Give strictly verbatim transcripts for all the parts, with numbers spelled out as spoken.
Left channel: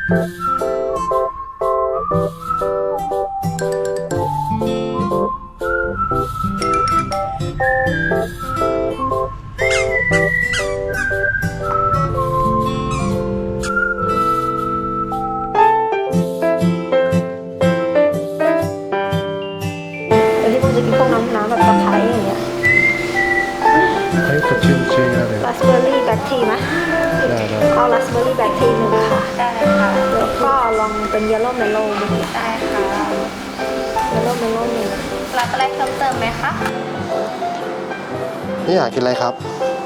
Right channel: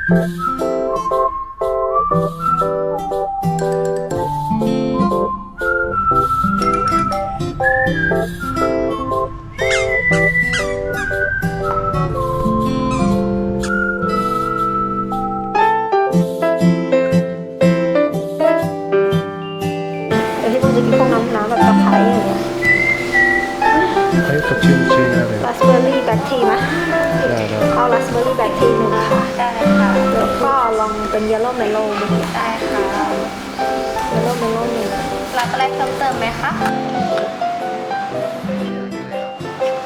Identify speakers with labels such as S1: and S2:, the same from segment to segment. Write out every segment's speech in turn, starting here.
S1: เฮ้ยสดชื่นชื่นเลย
S2: ราสเบอร์รี่แบล็คทีไหม
S1: ได้ได้
S2: เอาราสเบอร์รี่แบล็คทีหนึ่งค่ะ
S3: ได้ค่ะ
S2: แล้วก็ลองเป็นเยลโล่เมโล่ดู
S3: ได้ค่ะ
S2: เยลโล่เมโล่หนึ่ง
S3: รับอะไรเพิ่มเติมไหมคะ
S1: นี่อยากกินอะไรครับ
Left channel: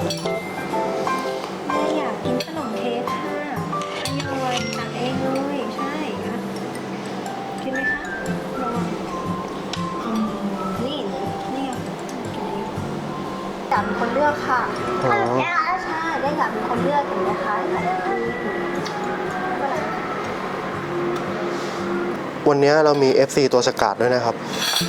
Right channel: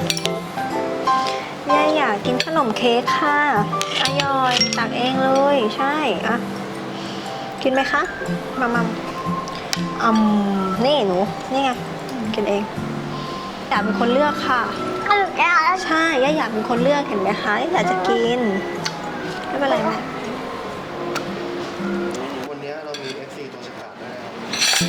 S2: แม่อยากกินขนมเค้กค่ะอร่อยตักเองเลยใช่อะกินไหมคะมามาอืมนี่หนูนี่ไงกินเองอยากเป็นคนเลือกค่ะ
S1: อ๋อ
S2: ใช่ย่าอยากเป็นคนเลือกเห็นไหมคะอยากจะกินไม่เป็นไรนะ
S1: วันนี้เรามี เอฟ ซี ตัวสกัดด้วยนะครับ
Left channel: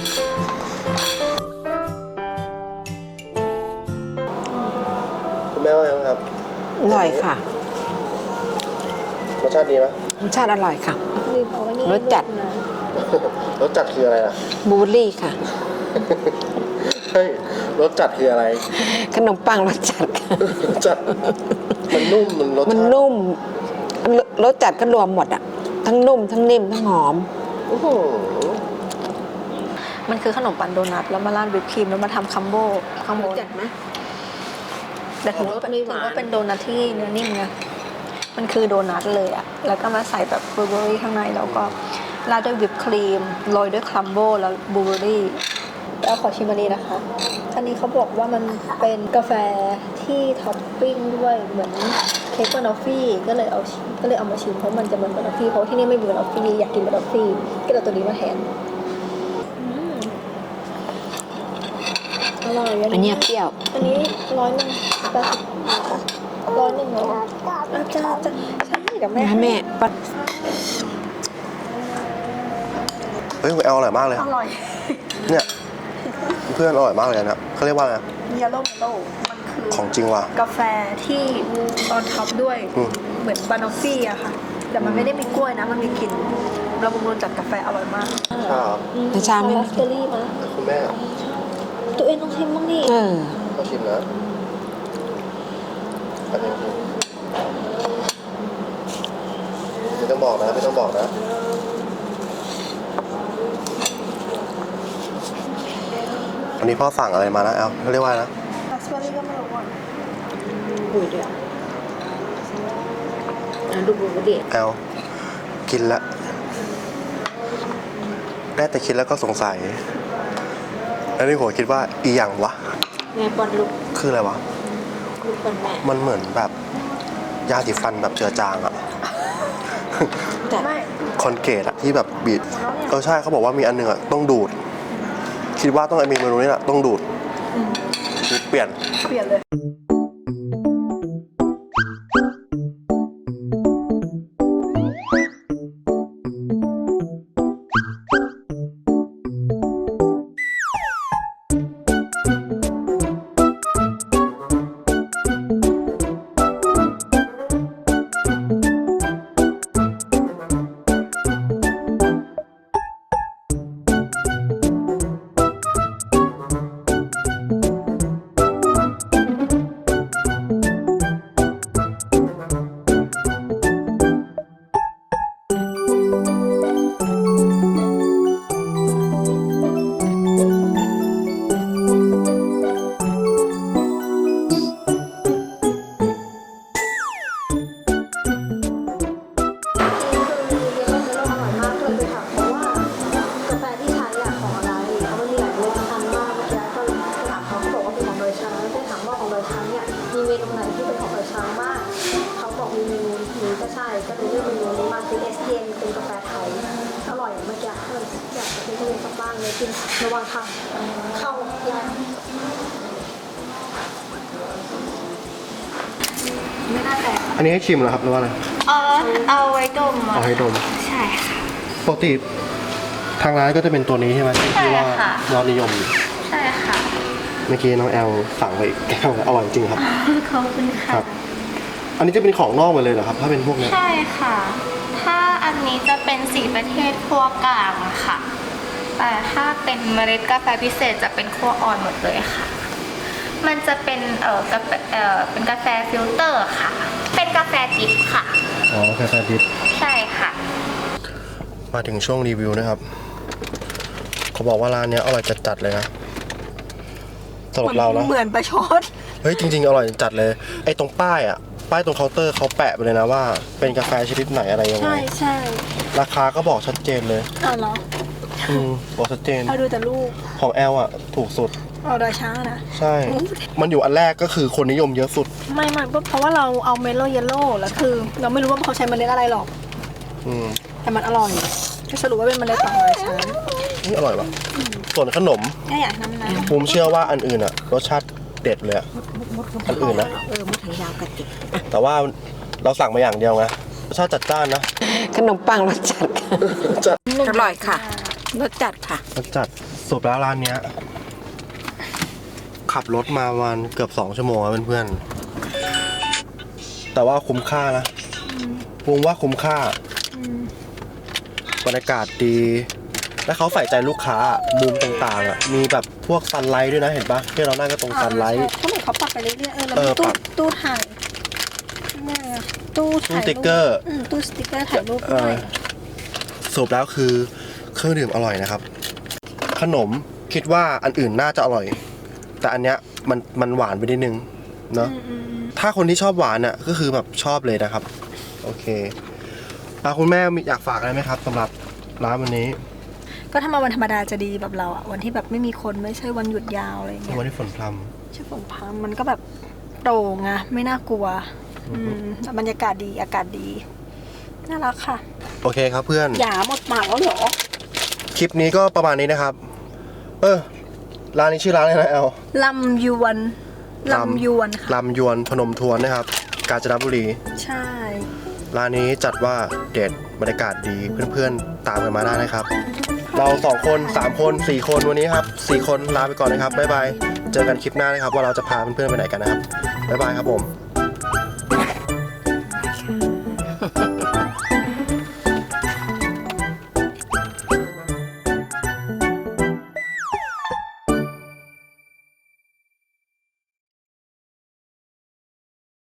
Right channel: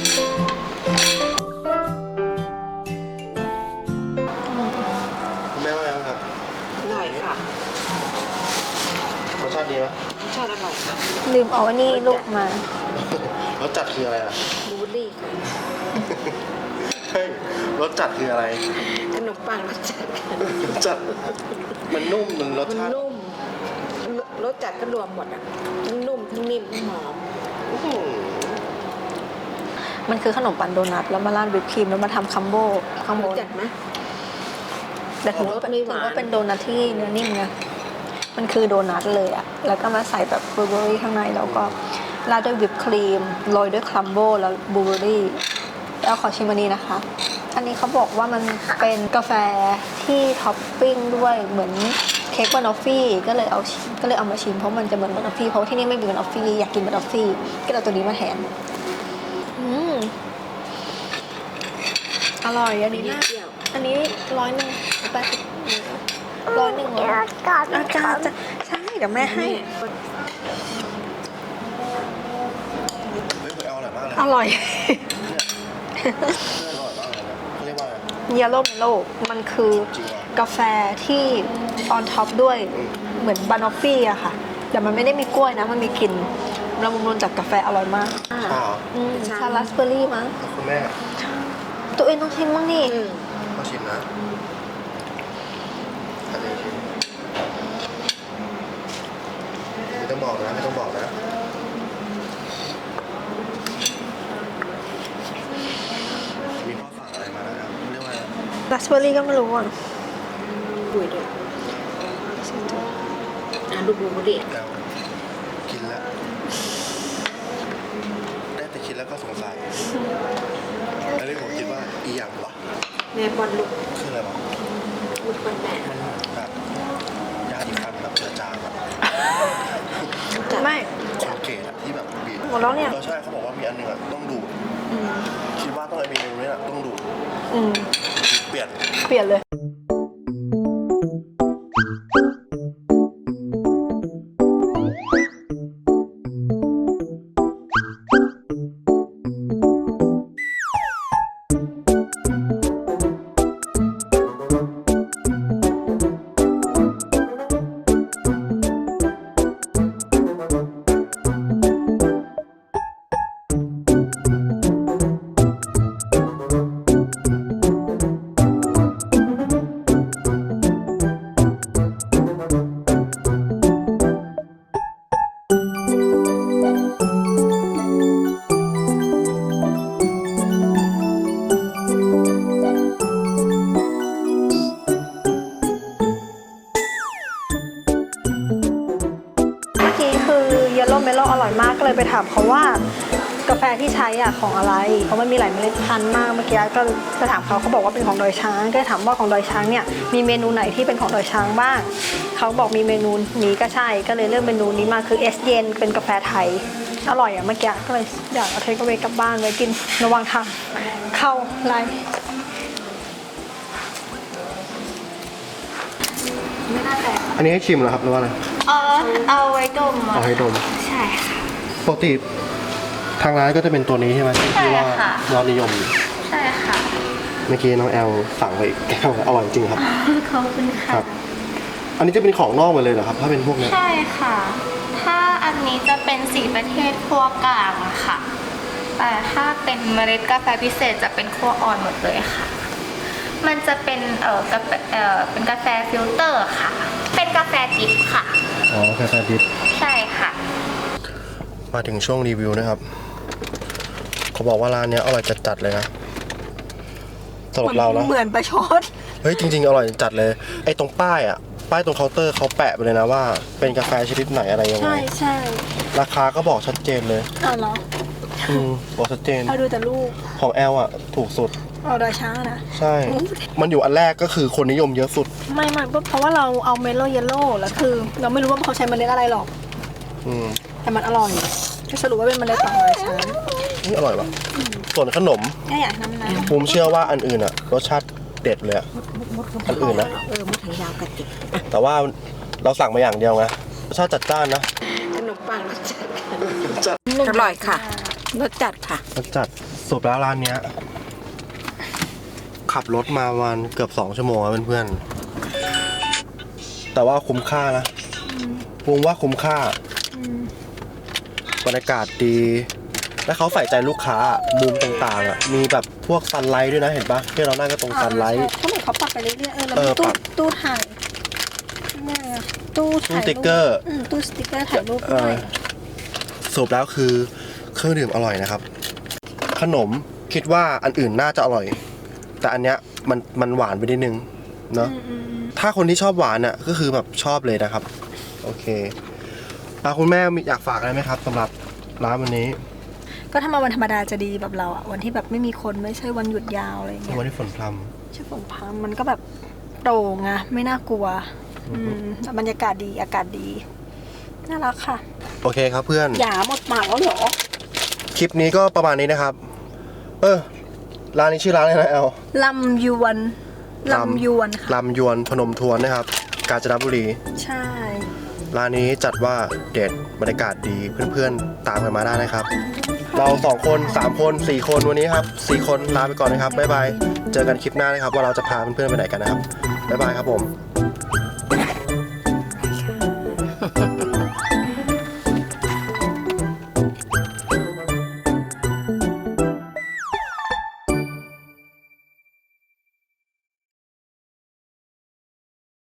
S1: คุณแม่ว่าไงบ้างครับ
S4: อร่อยค่ะ
S1: รสชาติดีไหม
S4: รสชาติอร่อยค่ะ
S2: ลืมเอาอันนี้
S4: รส
S2: ลู
S4: จัด
S2: กมาร
S1: สจัดคืออะไรอ่ะ
S4: บลูเบอร์รี่ค่ะ
S1: เฮ้ยรสจัดคืออะไร
S4: ขนมปังรสจัดค่ะ
S1: รสจัดมันนุ่มมันรส
S4: มัน
S1: ชาติ
S4: นุ่มรสจัดก็รวมหมดอ่ะ ทั้งนุ่ม ทั้งนิ่ม ทั้งหอม
S1: อื้อหือ
S2: มันคือขนมปังโดนัทแล้วมาราดวิปครีมแล้วมาทำคัมโบข้างบน
S4: จัดไหม
S2: แต่ถือว่าเป็น
S4: ไม่ห
S2: ถื
S4: วาน
S2: อว่าเป็นโดนัทที่เนื้อนิ่มไงมันคือโดนัทเลยอะแล้วก็มาใส่แบบบลูเบอร์รี่ข้างในแล้วก็ราดด้วยวิปครีมโรยด้วยครัมโบแล้วบลูเบอร์รี่แล้วขอชิมอันนี้นะคะ อันนี้เขาบอกว่ามันเป็นกาแฟที่ท็อปปิ้งด้วยเหมือนเค้กบานอฟฟี่ก็เลยเอาก็เลยเอามาชิมเพราะมันจะเหมือนบานอฟฟี่เพราะที่นี่ไม่มีบานอฟฟี่อยากกินบานอฟฟี่ก็เลยเอาตัวนี้มาแทนอืมอร่อย
S4: อันเนี้ยเปรี้ยว
S2: อันนี้ร้อยหนึ่งแปดสิบร้อยหนึ่งร้อยอาจารย์จะใช่เดี๋ยวแม่ให้
S4: แม่ปัด
S1: เฮ้ยคุณแอลอร่อยมากเลย
S2: อร่อย
S1: เนี่ยเพื่อนอร่อยมากเลยนะเขาเรียกว่าอะไรนะ
S2: เยลโล่เมโล่มันคือ
S1: ของจริงว่ะ
S2: กาแฟที่ออนท็อปด้วย
S1: อืม
S2: เหมือนบานอฟฟี่อะค่ะ แต่มันไม่ได้มีกล้วยนะ มันมีกลิ่นละมุนจากกาแฟอร่อยมาก
S1: ใช่ครับ
S2: อืม
S4: ชา
S2: ชาราสเบอร์รี่มั้ง
S1: คุณแม่
S2: ตัวเองต้องชิมบ้างนี่
S4: เออ
S1: ก็ชิมนะอันนี้ชิมไม่ต้องบอกนะไม่ต้องบอกนะอันนี้พ่อสั่งอะไรมานะแอลเขาเรียกว่านะ
S2: ราสเบอร์รี่ก็ไม่รู้อ่ะ
S4: บุยด้วยอ่ะดูบลูเบอร์รี่
S1: แอลกินแล้วได้แต่คิดแล้วก็สงสัยแล้วนี่ผมคิดว่าอีหยังวะ
S4: แม่ป้อนลูก
S1: คืออะไรวะ
S4: ลูกป้อนแม่
S1: มันเหมือนแบบยาสีฟันแบบเจือจางอะ
S4: จัด
S2: ไม่
S1: คอนเกตอะที่แบบบีด
S2: หมดแล้วเนี่ย
S1: เออใช่เขาบอกว่ามีอันหนึ่งอะต้องดูด คิดว่าต้องมีเมนูนี้แหละต้องดูด
S2: อืม
S1: เปลี่ยน
S2: เปลี่ยนเลย เมื่อกี้คือเยลโล่เมโล่อร่อยมากก็เลยไปถามเขาว่ากาแฟที่ใช้อ่ะของอะไรเพราะมันมีหลายเมล็ดพันธุ์มากเมื่อกี้ก็ไปถามเขาเขาบอกว่าเป็นของดอยช้างก็ถามว่าของดอยช้างเนี่ยมีเมนูไหนที่เป็นของดอยช้างบ้างเขาบอกมีเมนูนี้ก็ใช่ก็เลยเลือกเมนูนี้มาคือเอสเย็นเป็นกาแฟไทยอร่อยอ่ะเมื่อกี้ก็เลยอยากเอาเทคเวกลับบ้านไว้กินระหว่างทางเข้าไลน์ไม่น่าแตก
S1: อันนี้ให้ชิมเหรอครับหรือว่าอะไร
S3: เออเอาไว้ดม
S1: เอาให้ดม
S3: ใช่ค่ะ
S1: ปกติทางร้านก็จะเป็นตัวนี้ใช่ไหมที่ว่า
S3: ใช่ค่ะ
S1: ยอดนิยมอยู่
S3: ใช่ค่ะ
S1: เมื่อกี้น้องแอลสั่งไปอีกแก้วแล้วอร่อยจริงครับ
S3: ขอบคุณ
S1: ค
S3: ค่ะ
S1: รับอันนี้จะเป็นของนอกหมดเลยเหรอครับ ถ้าเป็นพวกเนี้ย
S3: ใช่ค่ะ ถ้าอันนี้จะเป็นสีประเทศคั่วกลางอะค่ะ แต่ถ้าเป็นเมล็ดกาแฟพิเศษจะเป็นคั่วอ่อนหมดเลยค่ะ มันจะเป็นเอ่อกาแฟเอ่อเป็นกาแฟฟิลเตอร์ค่ะ เป็นกาแฟดิบค่ะ
S1: อ๋อแค่แฟดิบ
S3: ใช่ค่ะ
S1: มาถึงช่วงรีวิวนะครับ เขาบอกว่าร้านเนี้ยอร่อยจัดๆเลยนะสำหรับเรานะ
S2: เหมือนประชด
S1: เฮ้ยจริงๆอร่อยจัดเลย ไอ้ตรงป้ายอ่ะ ป้ายตรงเคาน์เตอร์เขาแปะไปเลยนะว่า เป็นกาแฟชนิดไหนอะไรยังไง
S2: ใช่ใช่
S1: ราคาก็บอกชัดเจนเลย
S2: เอาเหรอ
S1: อืมบอกชัดเจน
S2: เอาดูแต่รูป
S1: ของแอลอ่ะ ถูกสุด
S2: เอาดาช้านะ
S1: ใช่ มันอยู่อันแรกก็คือคนนิยมเยอะสุด
S2: ไม่ไม่เพราะว่าเราเอาเมโลเยลโล่แล้วคือ เราไม่รู้ว่าเขาใช้เมล็ดอะไรหรอก
S1: อืม
S2: แต่มันอร่อยก็สรุปว่าเป็นเมล็ดของดาช้า
S1: นี่อร่อยว่ะส่วนขนม
S2: แค่อยากน้ำนะ
S1: ภูมิเชื่อว่าอันอื่นอ่ะ รสชาติเด็ดเลยอะอันอื่นนะ
S4: เออมดถังยาวกระติก
S1: แต่ว่าเราสั่งมาอย่างเดียวไงรสชาติจัดจ้านนะ
S4: ขนมปังรสจัด
S1: จัด
S4: อร่อยค่ะรสจัดค่ะ
S1: รสจัดสุดแล้วร้านเนี้ย ขับรถมาประมาณเกือบสองชั่วโมงอะเพื่อนๆแต่ว่าคุ้มค่านะวงว่าคุ้มค่าบรรยากาศดี และเขาใส่ใจลูกค้ามุมต่างๆอ่ะมีแบบพวกซันไลท์ด้วยนะเห็นปะที่เรานั่งก็ตรงซันไลท์
S2: เขาเหมือนเขาปรับไปเรื่อยๆเออแล้ว
S1: เอ
S2: มี
S1: อ
S2: ตู้
S1: ปรับ
S2: ตู้ถ่ายนี่ไงอะตู้ถ่าย
S1: ตู้สติ๊กเกอร์
S2: อืมตู้สติ๊กเกอร์ถ่ายรูป
S1: เอ
S2: ด้ว
S1: อย สรุปแล้วคือเครื่องดื่มอร่อยนะครับ ขนมคิดว่าอันอื่นน่าจะอร่อย แต่อันเนี้ยมันมันหวานไปนิดนึงเนาะถ้าคนที่ชอบหวานอ่ะก็คือแบบชอบเลยนะครับ โอเคอ่ะคุณแม่มีอยากฝากอะไรไหมครับสำหรับร้านวันนี้
S2: ก็ถ้ามาวันธรรมดาจะดีแบบเราอะวันที่แบบไม่มีคนไม่ใช่วันหยุดยาวอะไรอย่างเงี้ย
S1: วันที่ฝนพร
S2: ใช่ฝนพังมันก็แบบโปร่งอะไม่น่ากลัว อืมแล้วบรรยากาศดีอากาศดีน่ารักค่ะ
S1: ำโอเคครับเพื่อน
S2: หยาหมดปากแล้วเหรอ
S1: คลิปนี้ก็ประมาณนี้นะครับ เออร้านนี้ชื่อร้านอะไรนะแอล
S2: ลำยวนลำยวนค่ะ
S1: ลำยวนพนมทวนนะครับ กาญจนบุรี
S2: ใช่
S1: ร้านนี้จัดว่าเด็ดบรรยากาศดีเพื่อนๆตามกันมาได้นะครับ เราสองคนสามคนสี่คนวันนี้ครับสี่คนลาไปก่อนนะครับบ๊ายบายเจอกันคลิปหน้านะครับว่าเราจะพาเพื่อนๆไปไหนกันนะครับบ๊ายบายครับผม